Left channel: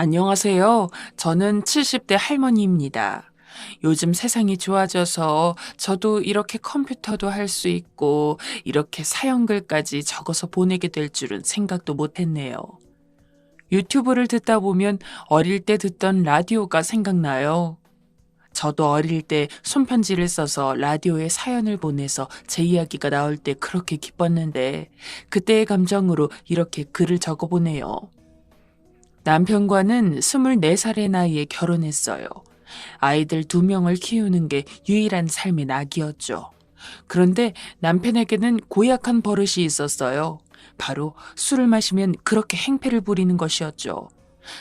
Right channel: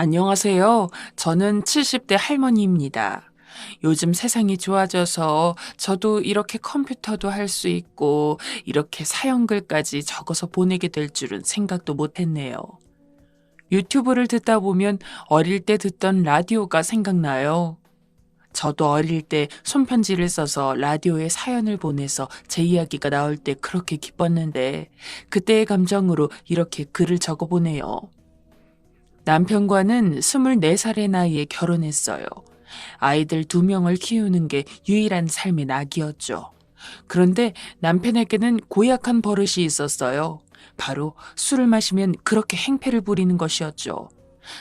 안녕하세요. 저는 70대 할머니입니다. 요즘 세상이 좋아져서 저도 이렇게 컴퓨터도 할 수 있고 이렇게 사연글까지 적어서 보내게 될 줄은 생각도 못 했네요. 유튜브를 듣다 보면 어릴 때 듣던 라디오가 생각나요. 저도 어릴 때 손편지를 써서 라디오에 사연을 보내서 제 이야기가 나올 때 그렇게 기뻤는데 그때의 감정으로 이렇게 글을 적어보네요. 남편과는 24살의 나이에 결혼했어요. 아이들 2명을 키우는 게 유일한 삶의 낙이었죠. 그런데 남편에게는 고약한 버릇이 있었어요. 바로 술을 마시면 그렇게 행패를 부리는 것이었죠.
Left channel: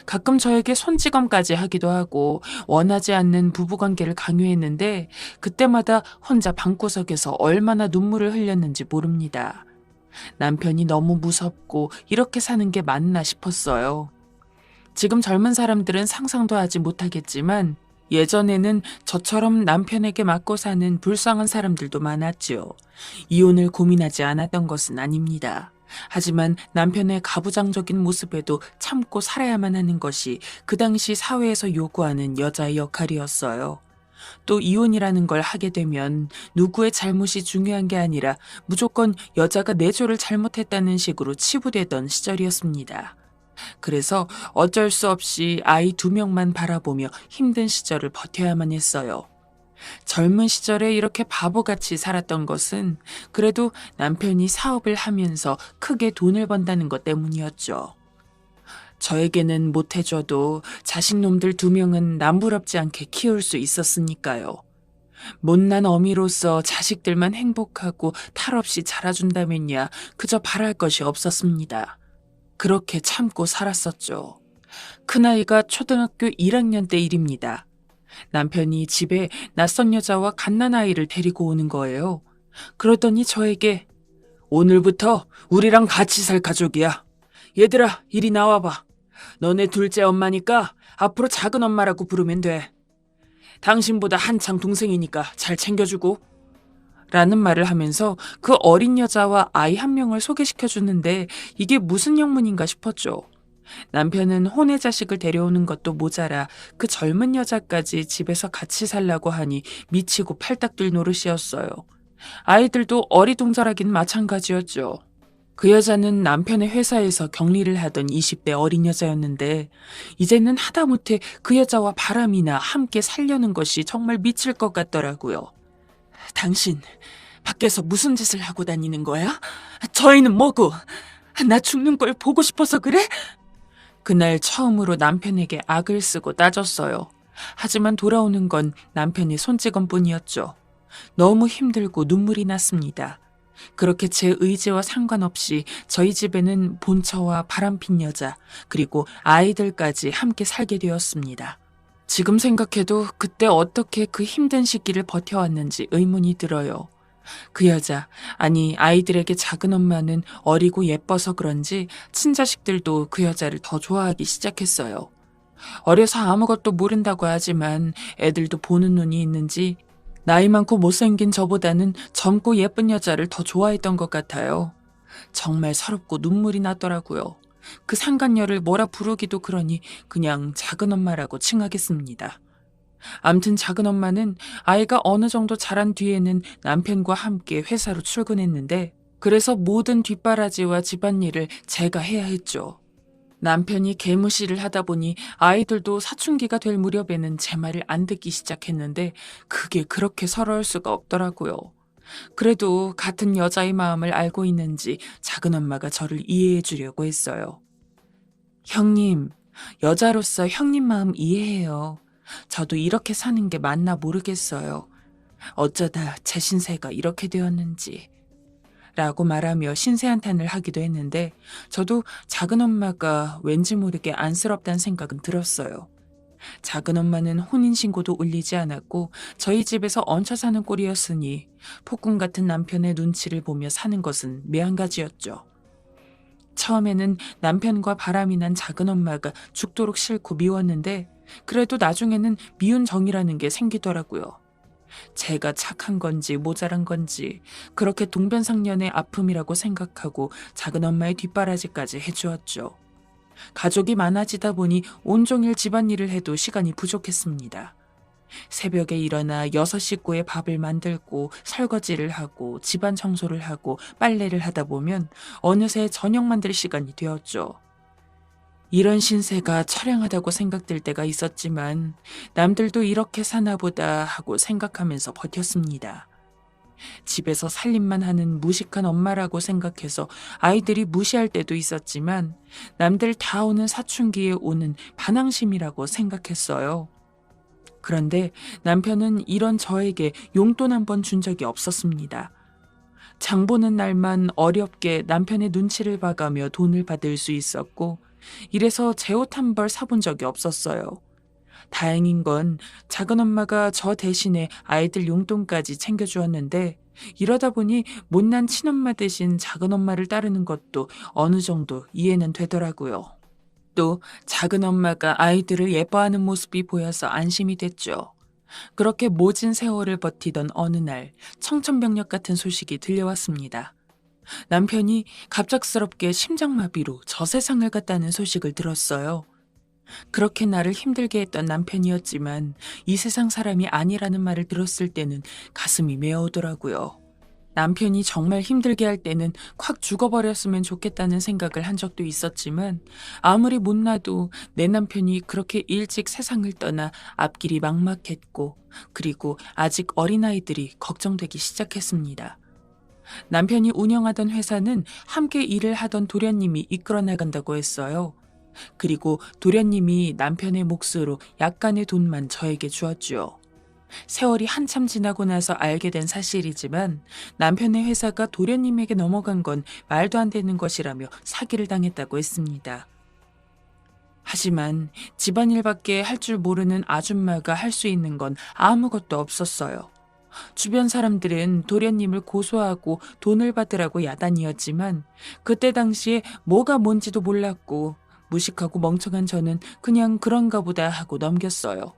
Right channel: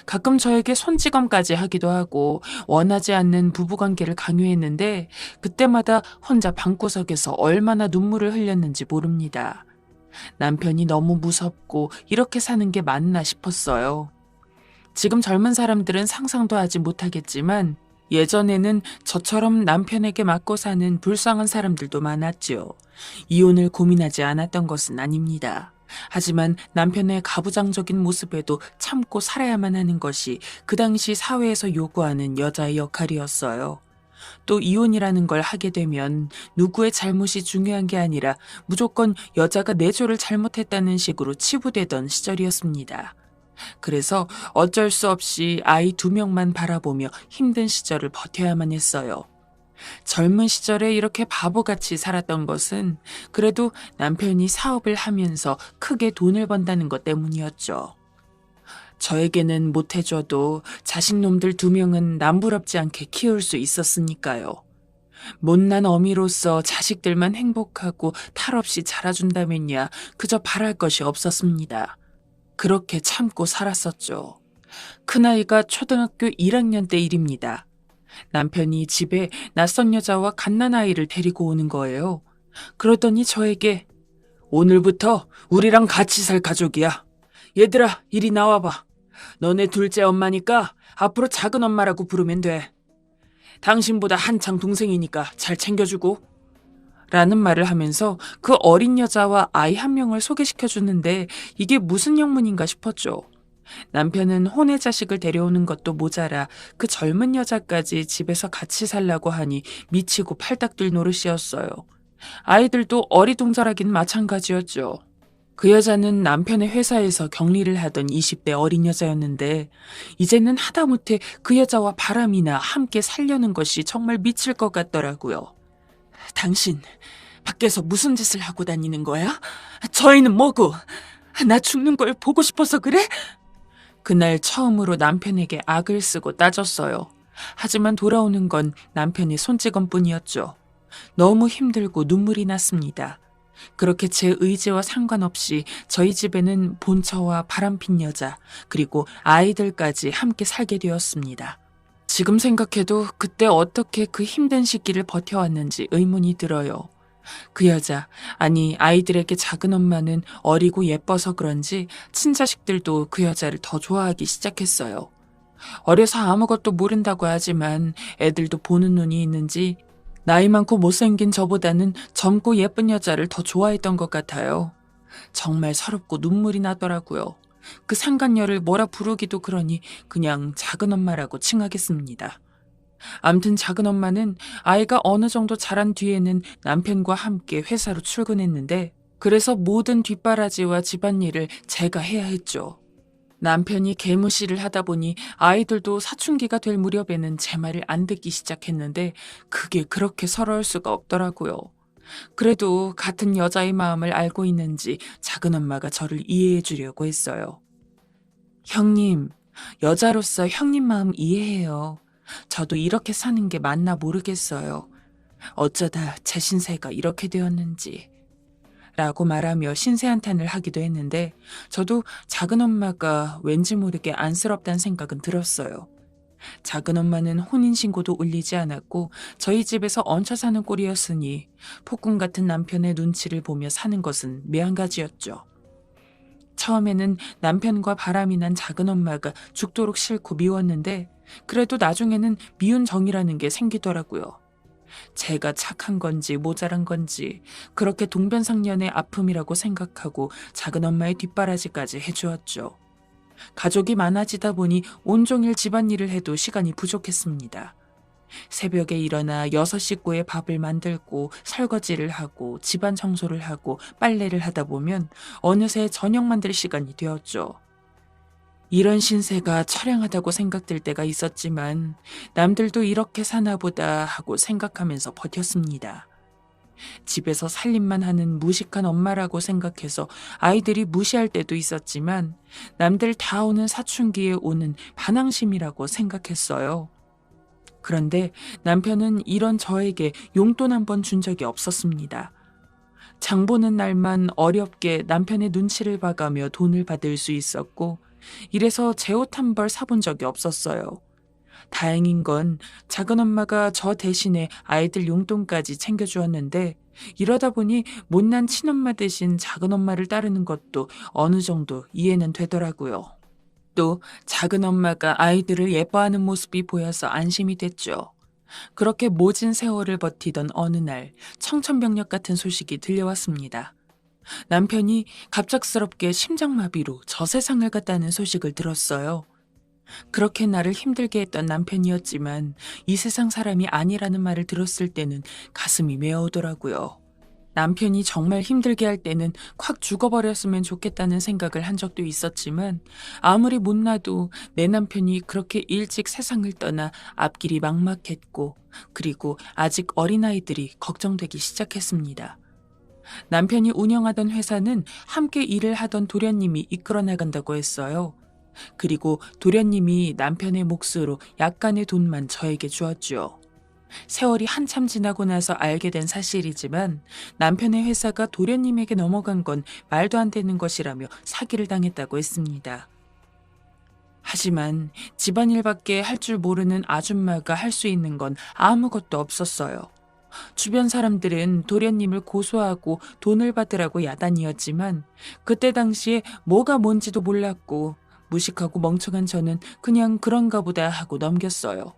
가끔 저에게 손찌검까지 하기도 하고 원하지 않는 부부관계를 강요했는데 그때마다 혼자 방구석에서 얼마나 눈물을 흘렸는지 모릅니다. 남편이 너무 무섭고 이렇게 사는 게 맞나 싶었어요. 지금 젊은 사람들은 상상도 하지 못하겠지만 예전에는 저처럼 남편에게 맞고 사는 불쌍한 사람들도 많았죠. 이혼을 고민하지 않았던 것은 아닙니다. 하지만 남편의 가부장적인 모습에도 참고 살아야만 하는 것이 그 당시 사회에서 요구하는 여자의 역할이었어요. 또 이혼이라는 걸 하게 되면 누구의 잘못이 중요한 게 아니라 무조건 여자가 내조를 잘못했다는 식으로 치부되던 시절이었습니다. 그래서 어쩔 수 없이 아이 2명만 바라보며 힘든 시절을 버텨야만 했어요. 젊은 시절에 이렇게 바보같이 살았던 것은 그래도 남편이 사업을 하면서 크게 돈을 번다는 것 때문이었죠. 저에게는 못해줘도 자식놈들 2명은 남부럽지 않게 키울 수 있었으니까요. 못난 어미로서 자식들만 행복하고 탈 없이 자라준다면야 그저 바랄 것이 없었습니다. 그렇게 참고 살았었죠. 큰아이가 초등학교 1학년 때 일입니다. 남편이 집에 낯선 여자와 갓난아이를 데리고 오는 거예요. 그러더니 저에게 오늘부터 우리랑 같이 살 가족이야. 얘들아, 이리 나와봐. 너네 둘째 엄마니까 앞으로 작은 엄마라고 부르면 돼. 당신보다 한창 동생이니까 잘 챙겨주고. 라는 말을 하면서 그 어린 여자와 아이 1명을 소개시켜주는데 이게 무슨 영문인가 싶었죠. 남편은 혼의 자식을 데려오는 것도 모자라 그 젊은 여자까지 집에서 같이 살라고 하니 미치고 팔딱 뛸 노릇이었어요. 아이들도 어리동절하긴 마찬가지였죠. 그 여자는 남편의 회사에서 격리를 하던 20대 어린 여자였는데 이제는 하다못해 그 여자와 바람이나 함께 살려는 것이 정말 미칠 것 같더라고요. 당신 밖에서 무슨 짓을 하고 다니는 거야? 저희는 뭐고? 나 죽는 걸 보고 싶어서 그래? 그날 처음으로 남편에게 악을 쓰고 따졌어요. 하지만 돌아오는 건 남편이 손찌검뿐이었죠. 너무 힘들고 눈물이 났습니다. 그렇게 제 의지와 상관없이 저희 집에는 본처와 바람핀 여자, 그리고 아이들까지 함께 살게 되었습니다. 지금 생각해도 그때 어떻게 그 힘든 시기를 버텨왔는지 의문이 들어요. 그 여자, 아니 아이들에게 작은 엄마는 어리고 예뻐서 그런지 친자식들도 그 여자를 더 좋아하기 시작했어요. 어려서 아무것도 모른다고 하지만 애들도 보는 눈이 있는지 나이 많고 못생긴 저보다는 젊고 예쁜 여자를 더 좋아했던 것 같아요. 정말 서럽고 눈물이 나더라고요. 그 상간녀를 뭐라 부르기도 그러니 그냥 작은 엄마라고 칭하겠습니다. 암튼 작은 엄마는 아이가 어느 정도 자란 뒤에는 남편과 함께 회사로 출근했는데 그래서 모든 뒷바라지와 집안일을 제가 해야 했죠. 남편이 개무시를 하다 보니 아이들도 사춘기가 될 무렵에는 제 말을 안 듣기 시작했는데 그게 그렇게 서러울 수가 없더라고요. 그래도 같은 여자의 마음을 알고 있는지 작은 엄마가 저를 이해해 주려고 했어요. 형님, 여자로서 형님 마음 이해해요. 저도 이렇게 사는 게 맞나 모르겠어요. 어쩌다 제 신세가 이렇게 되었는지. 라고 말하며 신세한탄을 하기도 했는데 저도 작은 엄마가 왠지 모르게 안쓰럽다는 생각은 들었어요. 작은 엄마는 혼인신고도 올리지 않았고 저희 집에서 얹혀 사는 꼴이었으니 폭군 같은 남편의 눈치를 보며 사는 것은 매한가지였죠. 처음에는 남편과 바람이 난 작은 엄마가 죽도록 싫고 미웠는데 그래도 나중에는 미운 정이라는 게 생기더라고요. 제가 착한 건지 모자란 건지 그렇게 동변상련의 아픔이라고 생각하고 작은 엄마의 뒷바라지까지 해주었죠. 가족이 많아지다 보니 온종일 집안일을 해도 시간이 부족했습니다. 새벽에 일어나 6식구의 밥을 만들고 설거지를 하고 집안 청소를 하고 빨래를 하다 보면 어느새 저녁 만들 시간이 되었죠. 이런 신세가 처량하다고 생각될 때가 있었지만 남들도 이렇게 사나 보다 하고 생각하면서 버텼습니다. 집에서 살림만 하는 무식한 엄마라고 생각해서 아이들이 무시할 때도 있었지만 남들 다 오는 사춘기에 오는 반항심이라고 생각했어요. 그런데 남편은 이런 저에게 용돈 한 번 준 적이 없었습니다. 장 보는 날만 어렵게 남편의 눈치를 봐가며 돈을 받을 수 있었고, 이래서 제 옷 한 벌 사본 적이 없었어요. 다행인 건 작은 엄마가 저 대신에 아이들 용돈까지 챙겨주었는데, 이러다 보니 못난 친엄마 대신 작은 엄마를 따르는 것도 어느 정도 이해는 되더라고요. 또 작은 엄마가 아이들을 예뻐하는 모습이 보여서 안심이 됐죠. 그렇게 모진 세월을 버티던 어느 날 청천벽력 같은 소식이 들려왔습니다. 남편이 갑작스럽게 심장마비로 저 세상을 갔다는 소식을 들었어요. 그렇게 나를 힘들게 했던 남편이었지만 이 세상 사람이 아니라는 말을 들었을 때는 가슴이 메어오더라고요. 남편이 정말 힘들게 할 때는 콱 죽어버렸으면 좋겠다는 생각을 한 적도 있었지만 아무리 못나도 내 남편이 그렇게 일찍 세상을 떠나 앞길이 막막했고 그리고 아직 어린아이들이 걱정되기 시작했습니다. 남편이 운영하던 회사는 함께 일을 하던 도련님이 이끌어 나간다고 했어요. 그리고 도련님이 남편의 몫으로 약간의 돈만 저에게 주었죠. 세월이 한참 지나고 나서 알게 된 사실이지만 남편의 회사가 도련님에게 넘어간 건 말도 안 되는 것이라며 사기를 당했다고 했습니다. 하지만 집안일밖에 할 줄 모르는 아줌마가 할 수 있는 건 아무것도 없었어요. 주변 사람들은 도련님을 고소하고 돈을 받으라고 야단이었지만 그때 당시에 뭐가 뭔지도 몰랐고 무식하고 멍청한 저는 그냥 그런가 보다 하고 넘겼어요.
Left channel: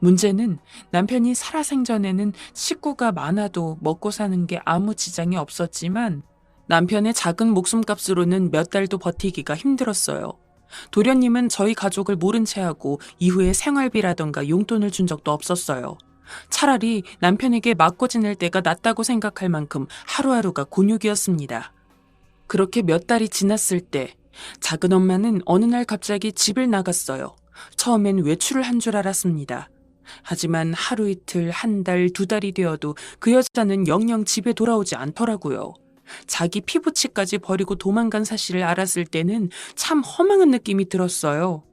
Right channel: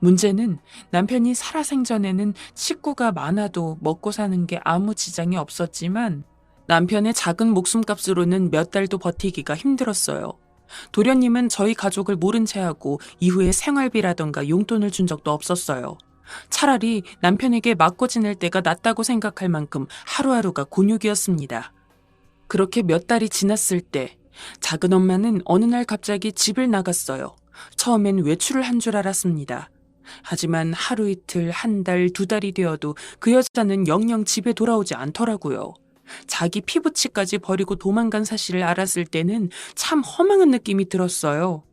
문제는 남편이 살아생전에는 식구가 많아도 먹고 사는 게 아무 지장이 없었지만 남편의 작은 목숨값으로는 몇 달도 버티기가 힘들었어요. 도련님은 저희 가족을 모른 채 하고 이후에 생활비라던가 용돈을 준 적도 없었어요. 차라리 남편에게 맞고 지낼 때가 낫다고 생각할 만큼 하루하루가 곤욕이었습니다. 그렇게 몇 달이 지났을 때 작은 엄마는 어느 날 갑자기 집을 나갔어요. 처음엔 외출을 한 줄 알았습니다. 하지만 하루 이틀, 한 달, 두 달이 되어도 그 여자는 영영 집에 돌아오지 않더라고요. 자기 피부치까지 버리고 도망간 사실을 알았을 때는 참 허망한 느낌이 들었어요.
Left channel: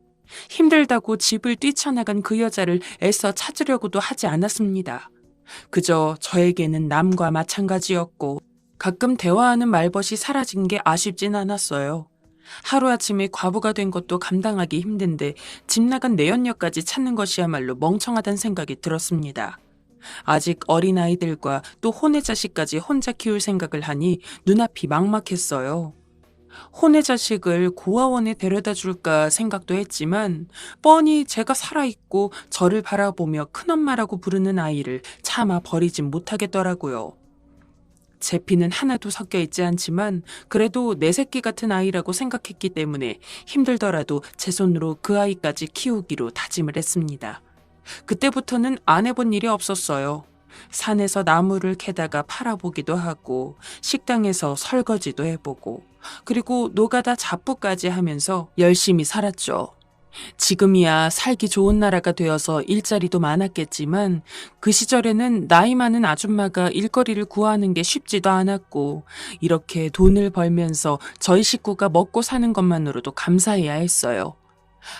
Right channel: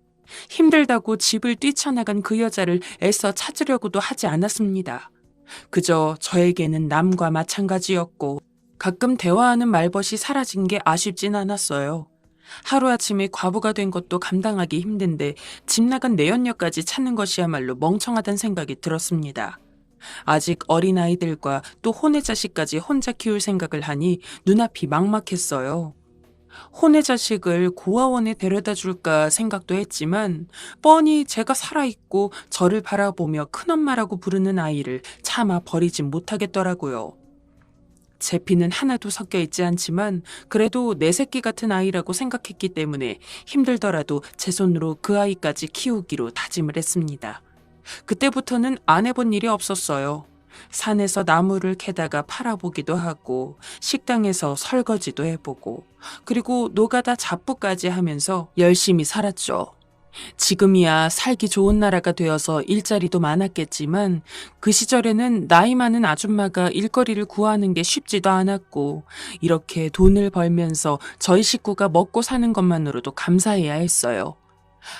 힘들다고 집을 뛰쳐나간 그 여자를 애써 찾으려고도 하지 않았습니다. 그저 저에게는 남과 마찬가지였고 가끔 대화하는 말벗이 사라진 게 아쉽진 않았어요. 하루아침에 과부가 된 것도 감당하기 힘든데 집 나간 내연녀까지 찾는 것이야말로 멍청하다는 생각이 들었습니다. 아직 어린아이들과 또 혼의 자식까지 혼자 키울 생각을 하니 눈앞이 막막했어요. 혼의 자식을 고아원에 데려다 줄까 생각도 했지만 뻔히 제가 살아있고 저를 바라보며 큰엄마라고 부르는 아이를 차마 버리진 못하겠더라고요. 제 피는 하나도 섞여 있지 않지만 그래도 내 새끼 같은 아이라고 생각했기 때문에 힘들더라도 제 손으로 그 아이까지 키우기로 다짐을 했습니다. 그때부터는 안 해본 일이 없었어요. 산에서 나무를 캐다가 팔아보기도 하고 식당에서 설거지도 해보고 그리고 노가다 잡부까지 하면서 열심히 살았죠. 지금이야 살기 좋은 나라가 되어서 일자리도 많았겠지만 그 시절에는 나이 많은 아줌마가 일거리를 구하는 게 쉽지도 않았고 이렇게 돈을 벌면서 저희 식구가 먹고 사는 것만으로도 감사해야 했어요.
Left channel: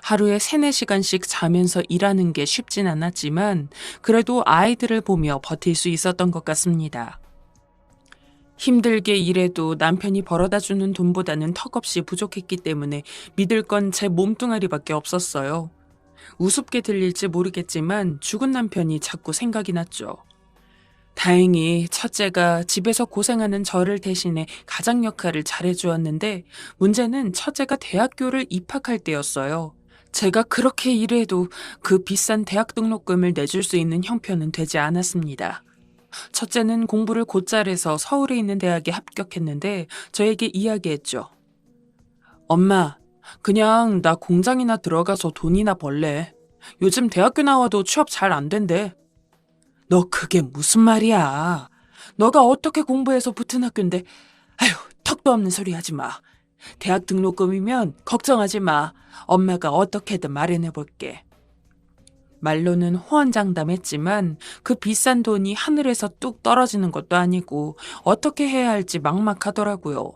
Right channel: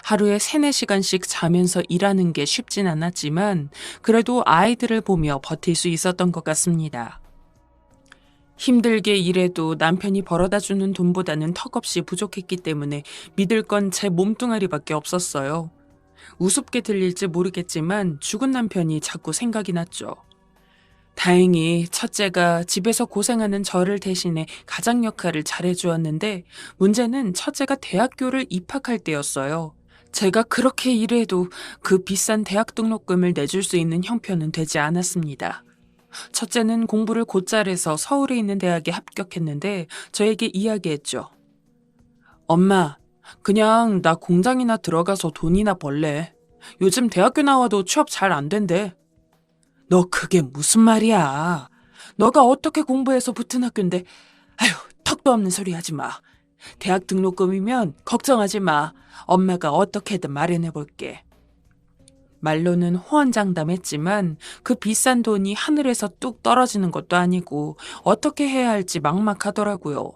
하루에 3-4시간씩 자면서 일하는 게 쉽진 않았지만 그래도 아이들을 보며 버틸 수 있었던 것 같습니다. 힘들게 일해도 남편이 벌어다 주는 돈보다는 턱없이 부족했기 때문에 믿을 건 제 몸뚱아리밖에 없었어요. 우습게 들릴지 모르겠지만 죽은 남편이 자꾸 생각이 났죠. 다행히 첫째가 집에서 고생하는 저를 대신해 가장 역할을 잘해주었는데 문제는 첫째가 대학교를 입학할 때였어요. 제가 그렇게 일해도 그 비싼 대학 등록금을 내줄 수 있는 형편은 되지 않았습니다. 첫째는 공부를 곧잘 해서 서울에 있는 대학에 합격했는데 저에게 이야기했죠. 엄마, 그냥 나 공장이나 들어가서 돈이나 벌래. 요즘 대학교 나와도 취업 잘 안 된대. 너 그게 무슨 말이야? 너가 어떻게 공부해서 붙은 학교인데, 아휴, 턱도 없는 소리 하지 마. 대학 등록금이면 걱정하지 마. 엄마가 어떻게든 마련해 볼게. 말로는 호언장담했지만 그 비싼 돈이 하늘에서 뚝 떨어지는 것도 아니고 어떻게 해야 할지 막막하더라고요.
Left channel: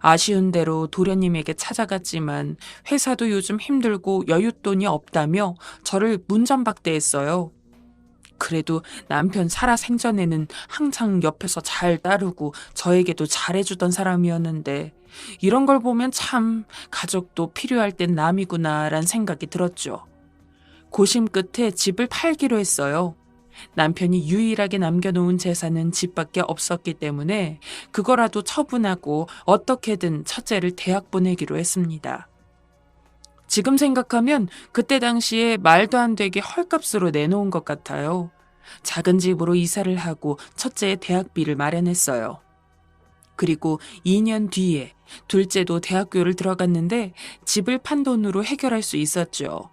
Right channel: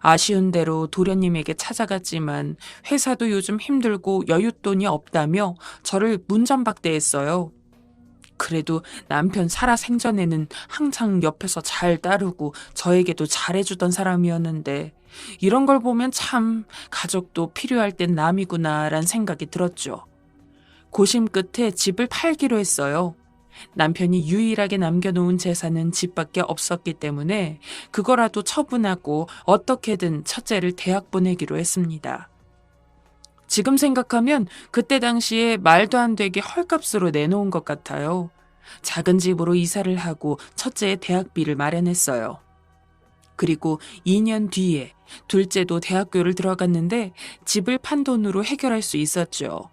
아쉬운 대로 도련님에게 찾아갔지만 회사도 요즘 힘들고 여윳돈이 없다며 저를 문잠박대했어요. 그래도 남편 살아생전에는 항상 옆에서 잘 따르고 저에게도 잘해주던 사람이었는데 이런 걸 보면 참 가족도 필요할 땐 남이구나란 생각이 들었죠. 고심 끝에 집을 팔기로 했어요. 남편이 유일하게 남겨놓은 재산은 집밖에 없었기 때문에 그거라도 처분하고 어떻게든 첫째를 대학 보내기로 했습니다. 지금 생각하면 그때 당시에 말도 안 되게 헐값으로 내놓은 것 같아요. 작은 집으로 이사를 하고 첫째의 대학비를 마련했어요. 그리고 2년 뒤에 둘째도 대학교를 들어갔는데 집을 판 돈으로 해결할 수 있었죠.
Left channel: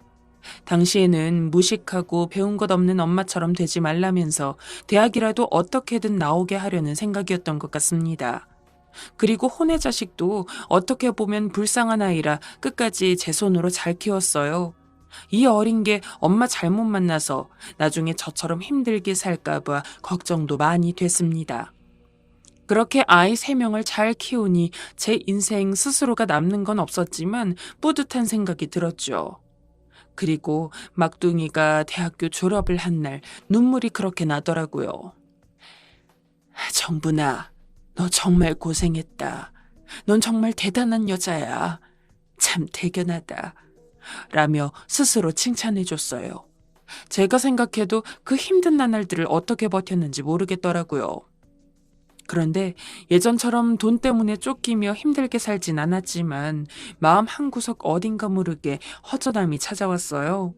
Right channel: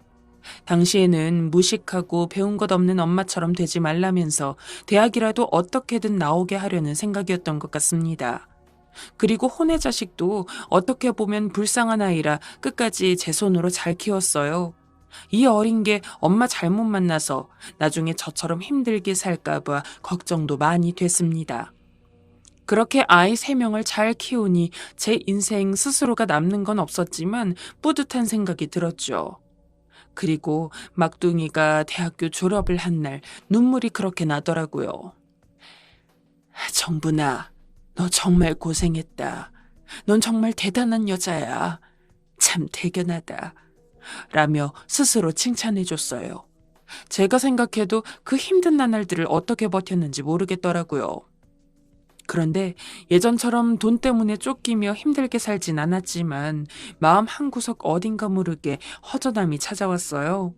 당시에는 무식하고 배운 것 없는 엄마처럼 되지 말라면서 대학이라도 어떻게든 나오게 하려는 생각이었던 것 같습니다. 그리고 혼의 자식도 어떻게 보면 불쌍한 아이라 끝까지 제 손으로 잘 키웠어요. 이 어린 게 엄마 잘못 만나서 나중에 저처럼 힘들게 살까봐 걱정도 많이 됐습니다. 그렇게 아이 3명을 잘 키우니 제 인생 스스로가 남는 건 없었지만 뿌듯한 생각이 들었죠. 그리고 막둥이가 대학교 졸업을 한 날 눈물이 그렇게 나더라고요. 정분아, 너 정말 고생했다. 넌 정말 대단한 여자야. 참 대견하다. 라며 스스로 칭찬해줬어요. 제가 생각해도 그 힘든 나날들을 어떻게 버텼는지 모르겠더라고요. 그런데 예전처럼 돈 때문에 쫓기며 힘들게 살진 않았지만 마음 한구석 어딘가 모르게 허전함이 찾아왔어요.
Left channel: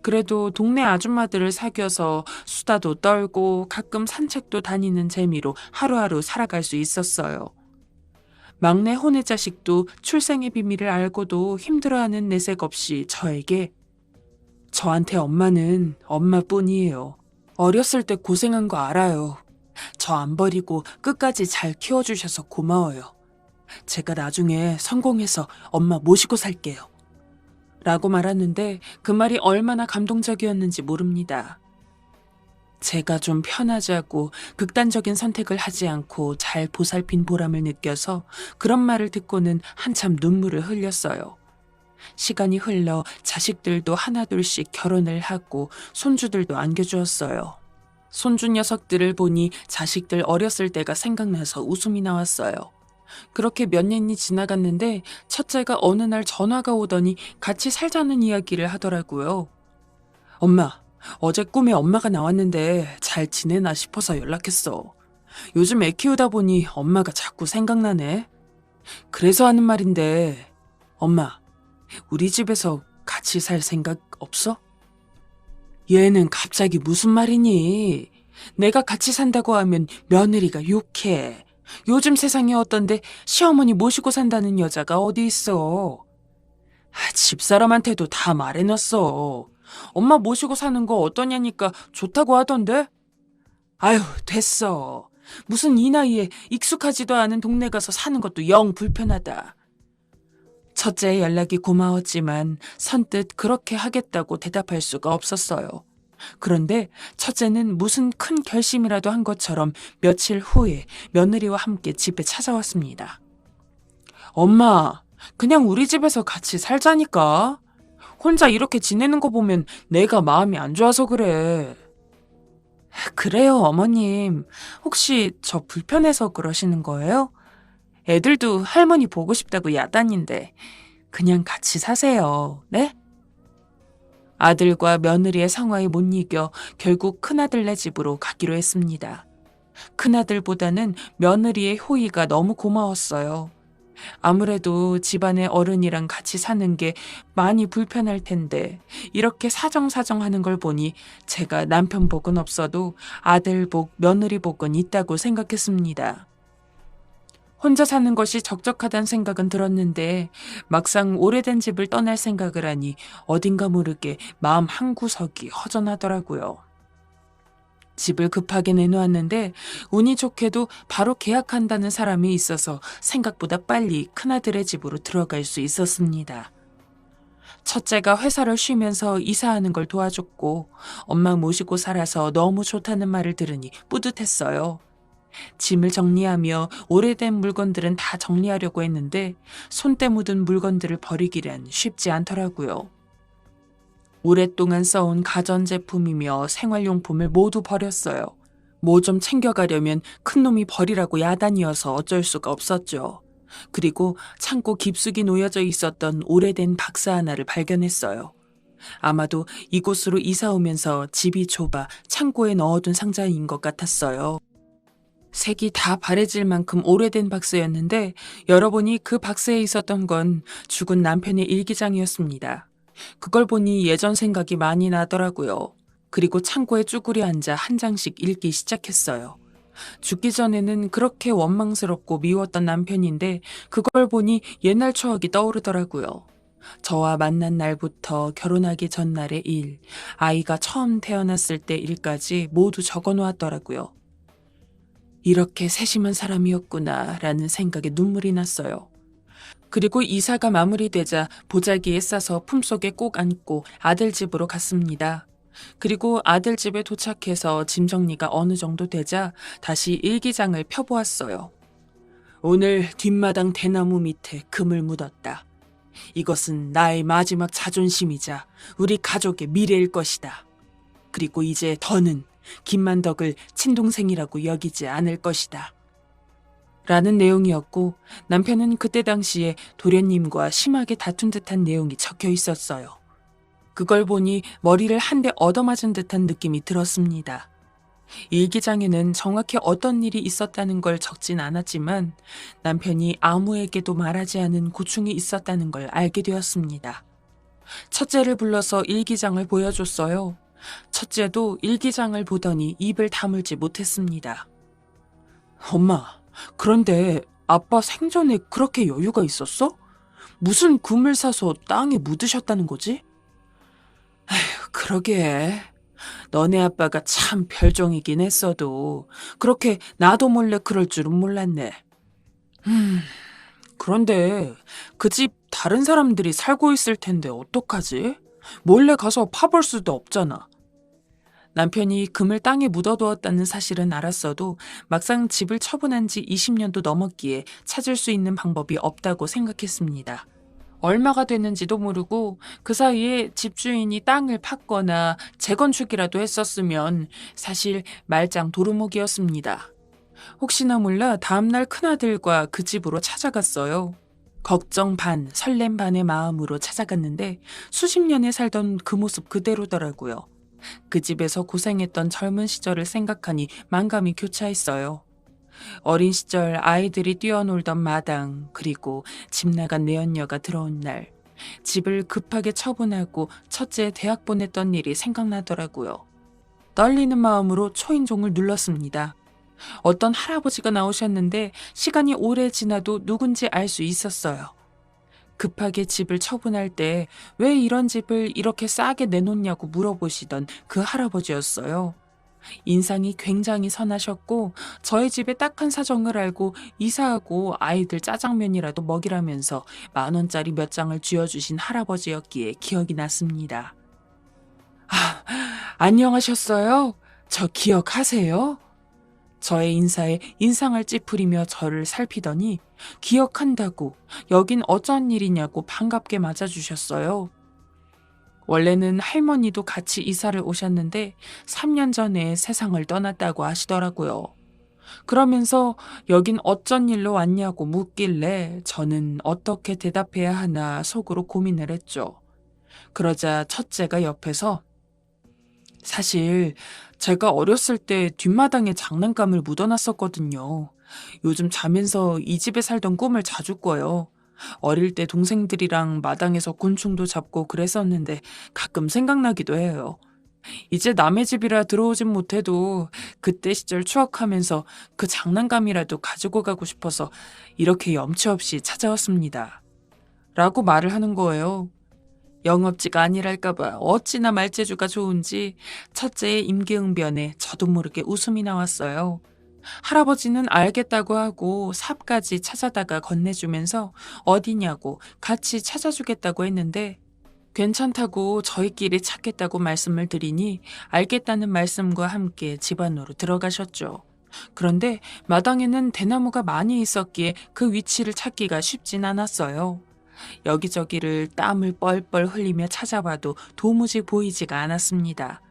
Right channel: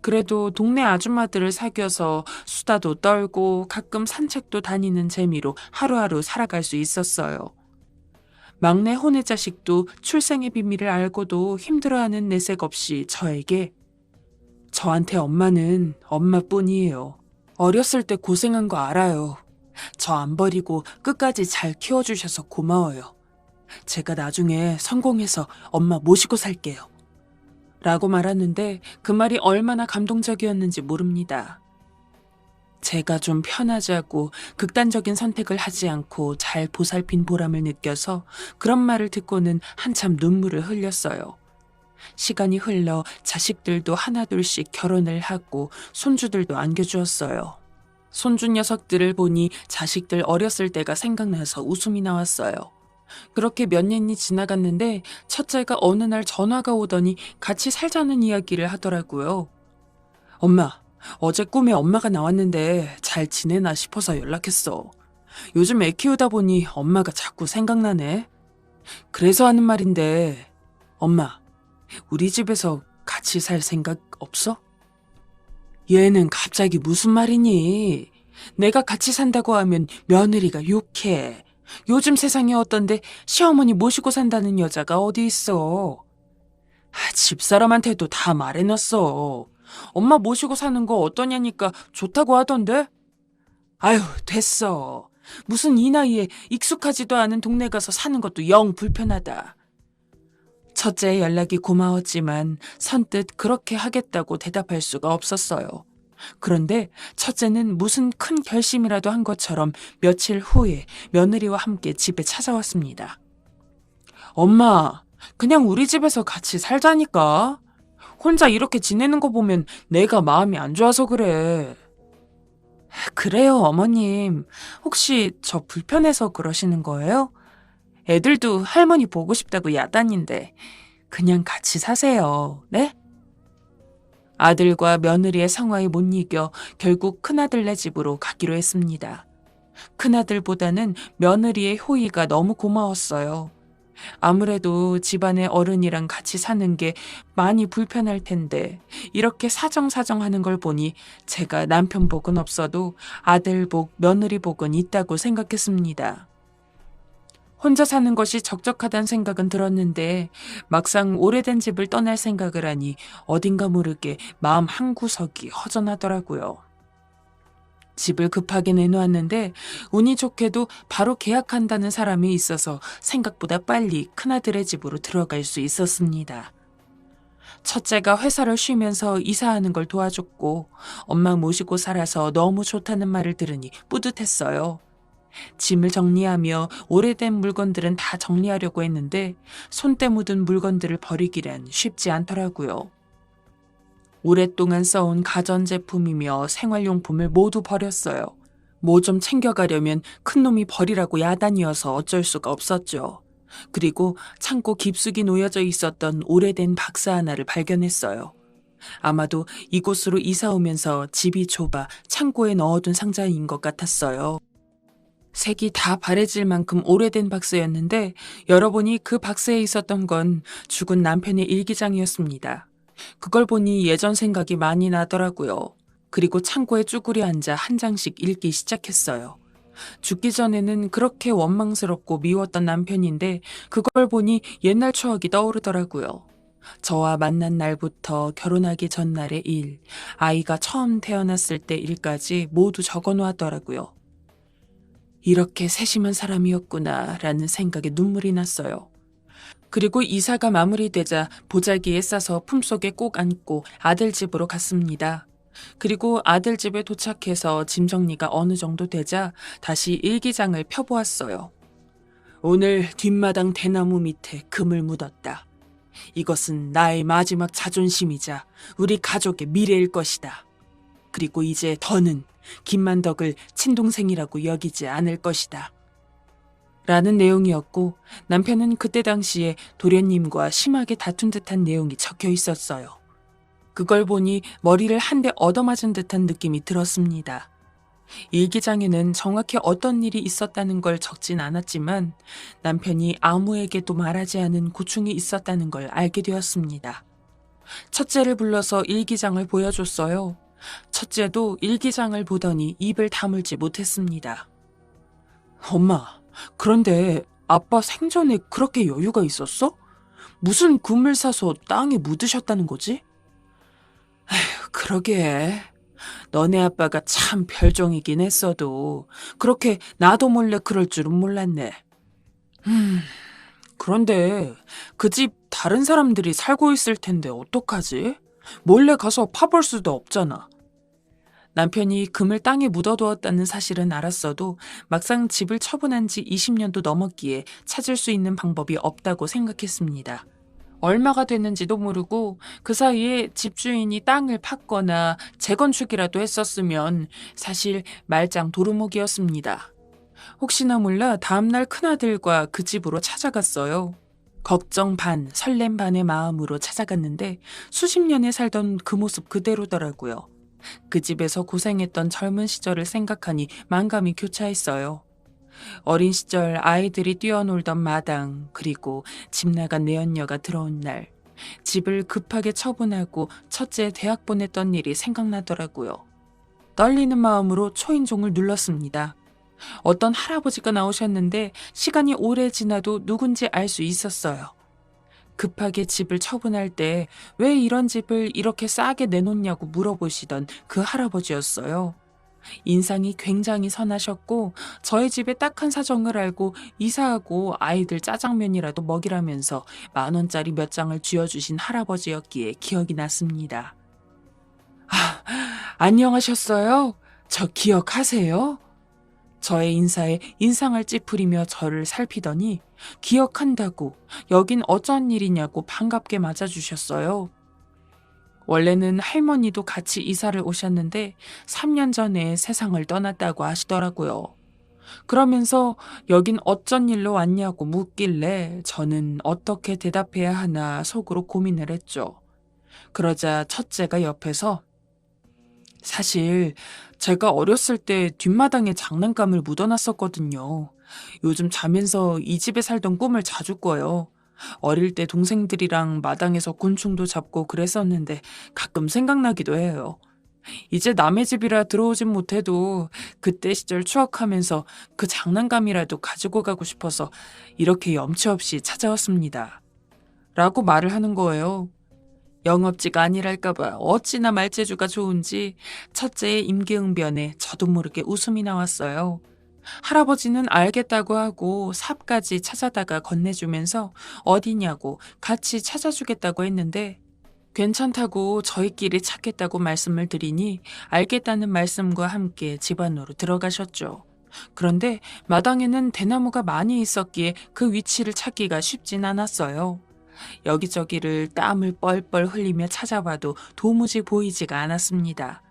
그래도 동네 아줌마들을 사귀어서 수다도 떨고 가끔 산책도 다니는 재미로 하루하루 살아갈 수 있었어요. 막내 혼의 자식도 출생의 비밀을 알고도 힘들어하는 내색 없이 저한테 엄마는 엄마뿐이에요. 어렸을 때 고생한 거 알아요. 저 안 버리고 끝까지 잘 키워주셔서 고마워요. 제가 나중에 성공해서 엄마 모시고 살게요. 라고 말하는데 그 말이 얼마나 감동적이었는지 모릅니다. 제가 좀 편하자고 극단적인 선택을 하지 않고 잘 보살핀 보람을 느껴서 그런 말을 듣고는 한참 눈물을 흘렸어요. 시간이 흘러 자식들도 하나둘씩 결혼을 하고 손주들도 안겨주었어요. 손주 녀석들을 보니 자식들 어렸을 때가 생각나서 웃음이 나왔어요. 그렇게 몇 년이 지나갔는데 첫째가 어느 날 전화가 오더니 같이 살자는 이야기를 하더라고요. 엄마, 어제 꿈에 엄마가 나왔는데 잘 지내나 싶어서 연락했어. 요즘 애 키우다 보니 엄마가 자꾸 생각나네. 그래서 하는 말인데, 엄마, 우리 집에서 같이 살 생각 없어? 얘는 갑자기 무슨 말이니? 내가 같이 산다고 하면 며느리가 욕해. 요즘 세상이 어떤데 시어머니 모시고 산다는 여자가 어디 있어. 집사람한테도 다 말해놨어. 엄마 모시고 사는 거 어떠냐니까 좋다고 하던데? 아유, 됐어. 무슨 이 나이에 익숙하지도 않은 동네 가서 사는 것도 영 불편하다. 첫째의 연락이 고마웠지만 선뜻 그렇게 하겠다고 대답할 수가 없었어요. 그런데 첫째는 무슨 큰 결심이라도 한 것처럼 며칠 후에 며느리와 함께 집에 찾아왔습니다. 엄마, 그냥 우리 집에서 같이 살자니까. 혼자 이렇게 지내는 거 보면 내가 마음이 안 좋아서 그래. 그래요, 어머님. 혹시 저 불편해서 그러시는 거예요? 애들도 할머니 보고 싶다고 야단인데 그냥 같이 사세요. 네? 아들과 며느리의 상황에 못 이겨 결국 큰아들네 집으로 가기로 했습니다. 큰아들보다는 며느리의 효의가 너무 고마웠어요. 아무래도 집안의 어른이랑 같이 사는 게 많이 불편할 텐데 이렇게 사정사정하는 걸 보니 제가 남편 복은 없어도 아들 복, 며느리 복은 있다고 생각했습니다. 혼자 사는 것이 적적하다는 생각은 들었는데 막상 오래된 집을 떠날 생각을 하니 어딘가 모르게 마음 한구석이 허전하더라고요. 집을 급하게 내놓았는데 운이 좋게도 바로 계약한다는 사람이 있어서 생각보다 빨리 큰아들의 집으로 들어갈 수 있었습니다. 첫째가 회사를 쉬면서 이사하는 걸 도와줬고 엄마 모시고 살아서 너무 좋다는 말을 들으니 뿌듯했어요. 짐을 정리하며 오래된 물건들은 다 정리하려고 했는데 손때 묻은 물건들을 버리기란 쉽지 않더라고요. 오랫동안 써온 가전제품이며 생활용품을 모두 버렸어요. 뭐 좀 챙겨가려면 큰놈이 버리라고 야단이어서 어쩔 수가 없었죠. 그리고 창고 깊숙이 놓여져 있었던 오래된 박스 하나를 발견했어요. 아마도 이곳으로 이사 오면서 집이 좁아 창고에 넣어둔 상자인 것 같았어요. 색이 다 바래질 만큼 오래된 박스였는데 열어보니 그 박스에 있었던 건 죽은 남편의 일기장이었습니다. 그걸 보니 예전 생각이 많이 나더라고요. 그리고 창고에 쭈그려 앉아 한 장씩 읽기 시작했어요. 죽기 전에는 그렇게 원망스럽고 미웠던 남편인데 그걸 보니 옛날 추억이 떠오르더라고요. 저와 만난 날부터 결혼하기 전날의 일, 아이가 처음 태어났을 때 일까지 모두 적어놓았더라고요. 이렇게 세심한 사람이었구나 라는 생각에 눈물이 났어요. 그리고 이사가 마무리되자 보자기에 싸서 품속에 꼭 안고 아들 집으로 갔습니다. 그리고 아들 집에 도착해서 짐 정리가 어느 정도 되자 다시 일기장을 펴보았어요. 오늘 뒷마당 대나무 밑에 금을 묻었다. 이것은 나의 마지막 자존심이자 우리 가족의 미래일 것이다. 그리고 이제 더는 김만덕을 친동생이라고 여기지 않을 것이다. 라는 내용이었고 남편은 그때 당시에 도련님과 심하게 다툰 듯한 내용이 적혀 있었어요. 그걸 보니 머리를 한 대 얻어맞은 듯한 느낌이 들었습니다. 일기장에는 정확히 어떤 일이 있었다는 걸 적진 않았지만 남편이 아무에게도 말하지 않은 고충이 있었다는 걸 알게 되었습니다. 첫째를 불러서 일기장을 보여줬어요. 첫째도 일기장을 보더니 입을 다물지 못했습니다. 엄마, 그런데 아빠 생전에 그렇게 여유가 있었어? 무슨 금을 사서 땅에 묻으셨다는 거지? 그러게. 너네 아빠가 참 별종이긴 했어도 그렇게 나도 몰래 그럴 줄은 몰랐네. 그런데 그 집 다른 사람들이 살고 있을 텐데 어떡하지? 몰래 가서 파볼 수도 없잖아. 남편이 금을 땅에 묻어두었다는 사실은 알았어도 막상 집을 처분한 지 20년도 넘었기에 찾을 수 있는 방법이 없다고 생각했습니다. 얼마가 됐는지도 모르고 그 사이에 집주인이 땅을 팠거나 재건축이라도 했었으면 사실 말짱 도루묵이었습니다. 혹시나 몰라 다음날 큰아들과 그 집으로 찾아갔어요. 걱정 반, 설렘 반의 마음으로 찾아갔는데 수십 년에 살던 그 모습 그대로더라고요. 그 집에서 고생했던 젊은 시절을 생각하니 만감이 교차했어요. 어린 시절 아이들이 뛰어놀던 마당, 그리고 집 나간 내연녀가 들어온 날, 집을 급하게 처분하고 첫째 대학 보냈던 일이 생각나더라고요. 떨리는 마음으로 초인종을 눌렀습니다. 어떤 할아버지가 나오셨는데 시간이 오래 지나도 누군지 알 수 있었어요. 급하게 집을 처분할 때 왜 이런 집을 이렇게 싸게 내놓냐고 물어보시던 그 할아버지였어요. 인상이 굉장히 선하셨고 저희 집의 딱한 사정을 알고 이사하고 아이들 짜장면이라도 먹이라면서 10,000원짜리 몇 장을 쥐어주신 할아버지였기에 기억이 났습니다. 안녕하셨어요? 저 기억하세요? 저의 인사에 인상을 찌푸리며 저를 살피더니 기억한다고 여긴 어쩐 일이냐고 반갑게 맞아주셨어요. 원래는 할머니도 같이 이사를 오셨는데 3년 전에 세상을 떠났다고 하시더라고요. 그러면서 여긴 어쩐 일로 왔냐고 묻길래 저는 어떻게 대답해야 하나 속으로 고민을 했죠. 그러자 첫째가 옆에서 사실 제가 어렸을 때 뒷마당에 장난감을 묻어놨었거든요. 요즘 자면서 이 집에 살던 꿈을 자주 꿔요. 어릴 때 동생들이랑 마당에서 곤충도 잡고 그랬었는데 가끔 생각나기도 해요. 이제 남의 집이라 들어오진 못해도 그때 시절 추억하면서 그 장난감이라도 가지고 가고 싶어서 이렇게 염치 없이 찾아왔습니다. 라고 말을 하는 거예요. 영업지가 아니랄까봐 어찌나 말재주가 좋은지 첫째의 임기응변에 저도 모르게 웃음이 나왔어요. 할아버지는 알겠다고 하고 삽까지 찾아다가 건네주면서 어디냐고 같이 찾아주겠다고 했는데 괜찮다고 저희끼리 찾겠다고 말씀을 드리니 알겠다는 말씀과 함께 집 안으로 들어가셨죠. 그런데 마당에는 대나무가 많이 있었기에 그 위치를 찾기가 쉽진 않았어요. 여기저기를 땀을 뻘뻘 흘리며 찾아봐도 도무지 보이지가 않았습니다.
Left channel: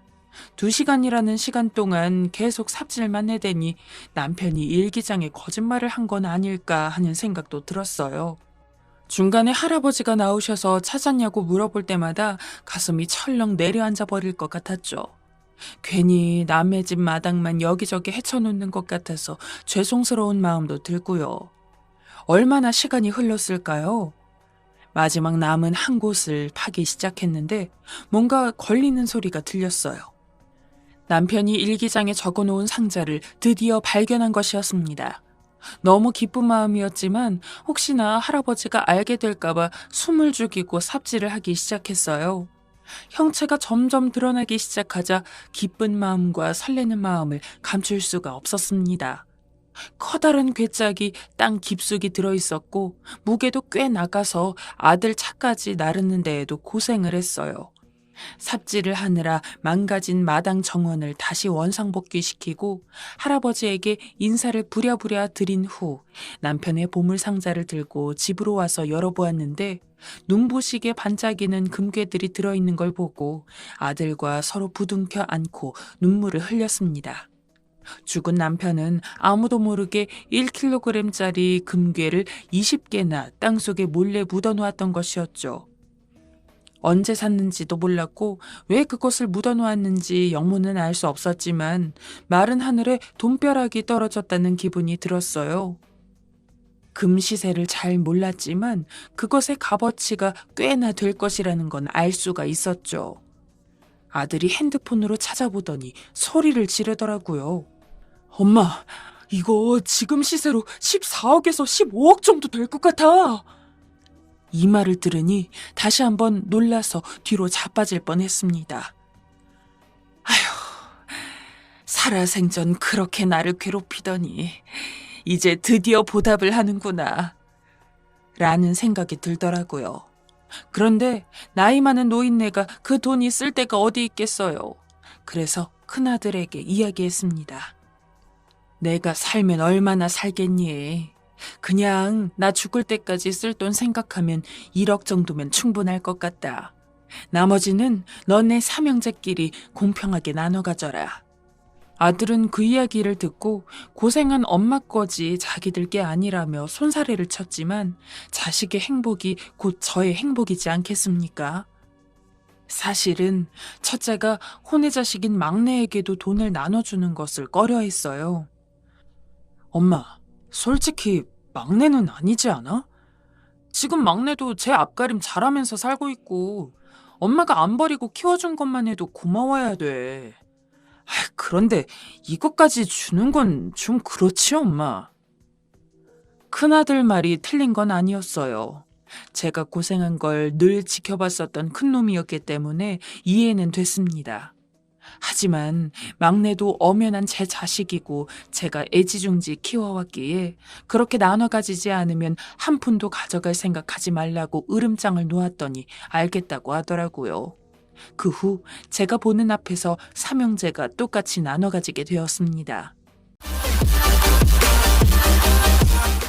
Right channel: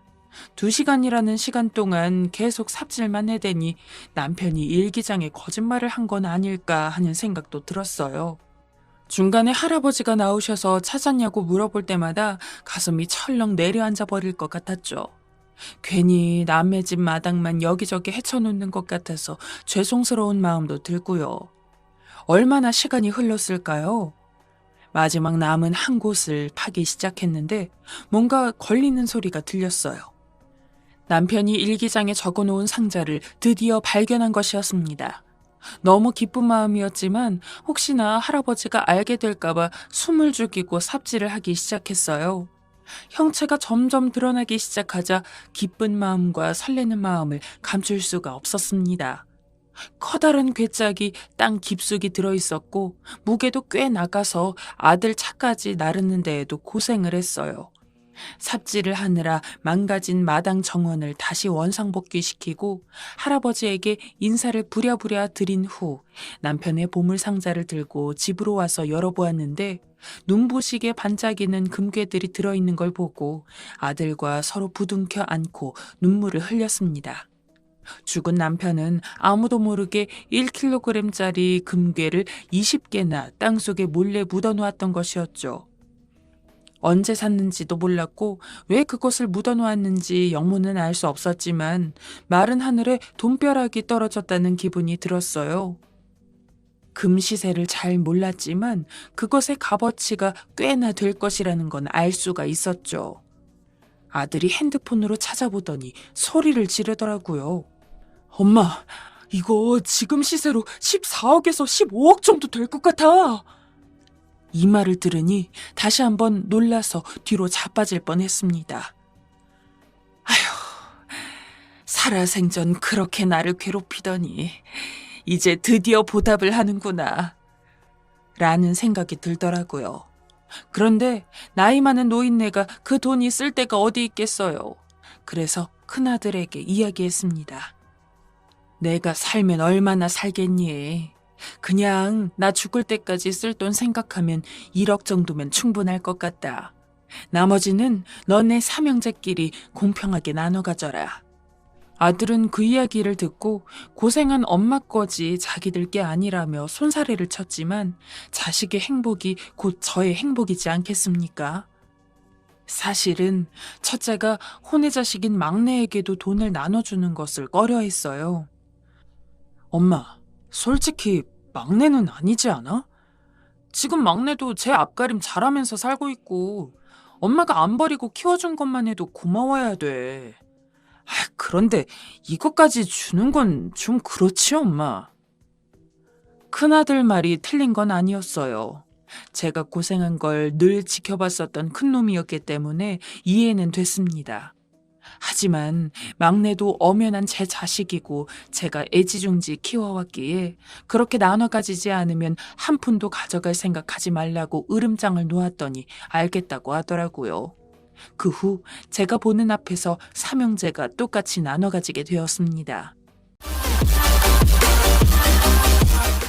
2시간이라는 시간 동안 계속 삽질만 해대니 남편이 일기장에 거짓말을 한 건 아닐까 하는 생각도 들었어요. 중간에 할아버지가 나오셔서 찾았냐고 물어볼 때마다 가슴이 철렁 내려앉아 버릴 것 같았죠. 괜히 남의 집 마당만 여기저기 헤쳐놓는 것 같아서 죄송스러운 마음도 들고요. 얼마나 시간이 흘렀을까요? 마지막 남은 한 곳을 파기 시작했는데 뭔가 걸리는 소리가 들렸어요. 남편이 일기장에 적어놓은 상자를 드디어 발견한 것이었습니다. 너무 기쁜 마음이었지만 혹시나 할아버지가 알게 될까봐 숨을 죽이고 삽질을 하기 시작했어요. 형체가 점점 드러나기 시작하자 기쁜 마음과 설레는 마음을 감출 수가 없었습니다. 커다란 괴짝이 땅 깊숙이 들어있었고 무게도 꽤 나가서 아들 차까지 나르는 데에도 고생을 했어요. 삽질을 하느라 망가진 마당 정원을 다시 원상복귀시키고 할아버지에게 인사를 부랴부랴 드린 후 남편의 보물상자를 들고 집으로 와서 열어보았는데 눈부시게 반짝이는 금괴들이 들어있는 걸 보고 아들과 서로 부둥켜 안고 눈물을 흘렸습니다. 죽은 남편은 아무도 모르게 1kg짜리 금괴를 20개나 땅속에 몰래 묻어놓았던 것이었죠. 언제 샀는지도 몰랐고 왜 그것을 묻어놓았는지 영문은 알 수 없었지만 마른 하늘에 돈벼락이 떨어졌다는 기분이 들었어요. 금 시세를 잘 몰랐지만 그것의 값어치가 꽤나 될 것이라는 건 알 수가 있었죠. 아들이 핸드폰으로 찾아보더니 소리를 지르더라고요. 엄마, 이거 지금 시세로 14억에서 15억 정도 될 것 같아. 이 말을 들으니 다시 한번 놀라서 뒤로 자빠질 뻔했습니다. 아휴, 살아생전 그렇게 나를 괴롭히더니 이제 드디어 보답을 하는구나 라는 생각이 들더라고요. 그런데 나이 많은 노인네가 그 돈이 쓸 데가 어디 있겠어요. 그래서 큰아들에게 이야기했습니다. 내가 살면 얼마나 살겠니? 그냥 나 죽을 때까지 쓸 돈 생각하면 1억 정도면 충분할 것 같다. 나머지는 너네 삼형제끼리 공평하게 나눠 가져라. 아들은 그 이야기를 듣고 고생한 엄마 거지 자기들 게 아니라며 손사래를 쳤지만 자식의 행복이 곧 저의 행복이지 않겠습니까? 사실은 첫째가 혼외자식인 막내에게도 돈을 나눠주는 것을 꺼려했어요. 엄마, 솔직히 막내는 아니지 않아? 지금 막내도 제 앞가림 잘하면서 살고 있고 엄마가 안 버리고 키워준 것만 해도 고마워야 돼. 그런데 이것까지 주는 건 좀 그렇지, 엄마. 큰아들 말이 틀린 건 아니었어요. 제가 고생한 걸 늘 지켜봤었던 큰놈이었기 때문에 이해는 됐습니다. 하지만 막내도 엄연한 제 자식이고 제가 애지중지 키워왔기에 그렇게 나눠 가지지 않으면 한 푼도 가져갈 생각하지 말라고 으름장을 놓았더니 알겠다고 하더라고요. 그 후 제가 보는 앞에서 삼형제가 똑같이 나눠 가지게 되었습니다.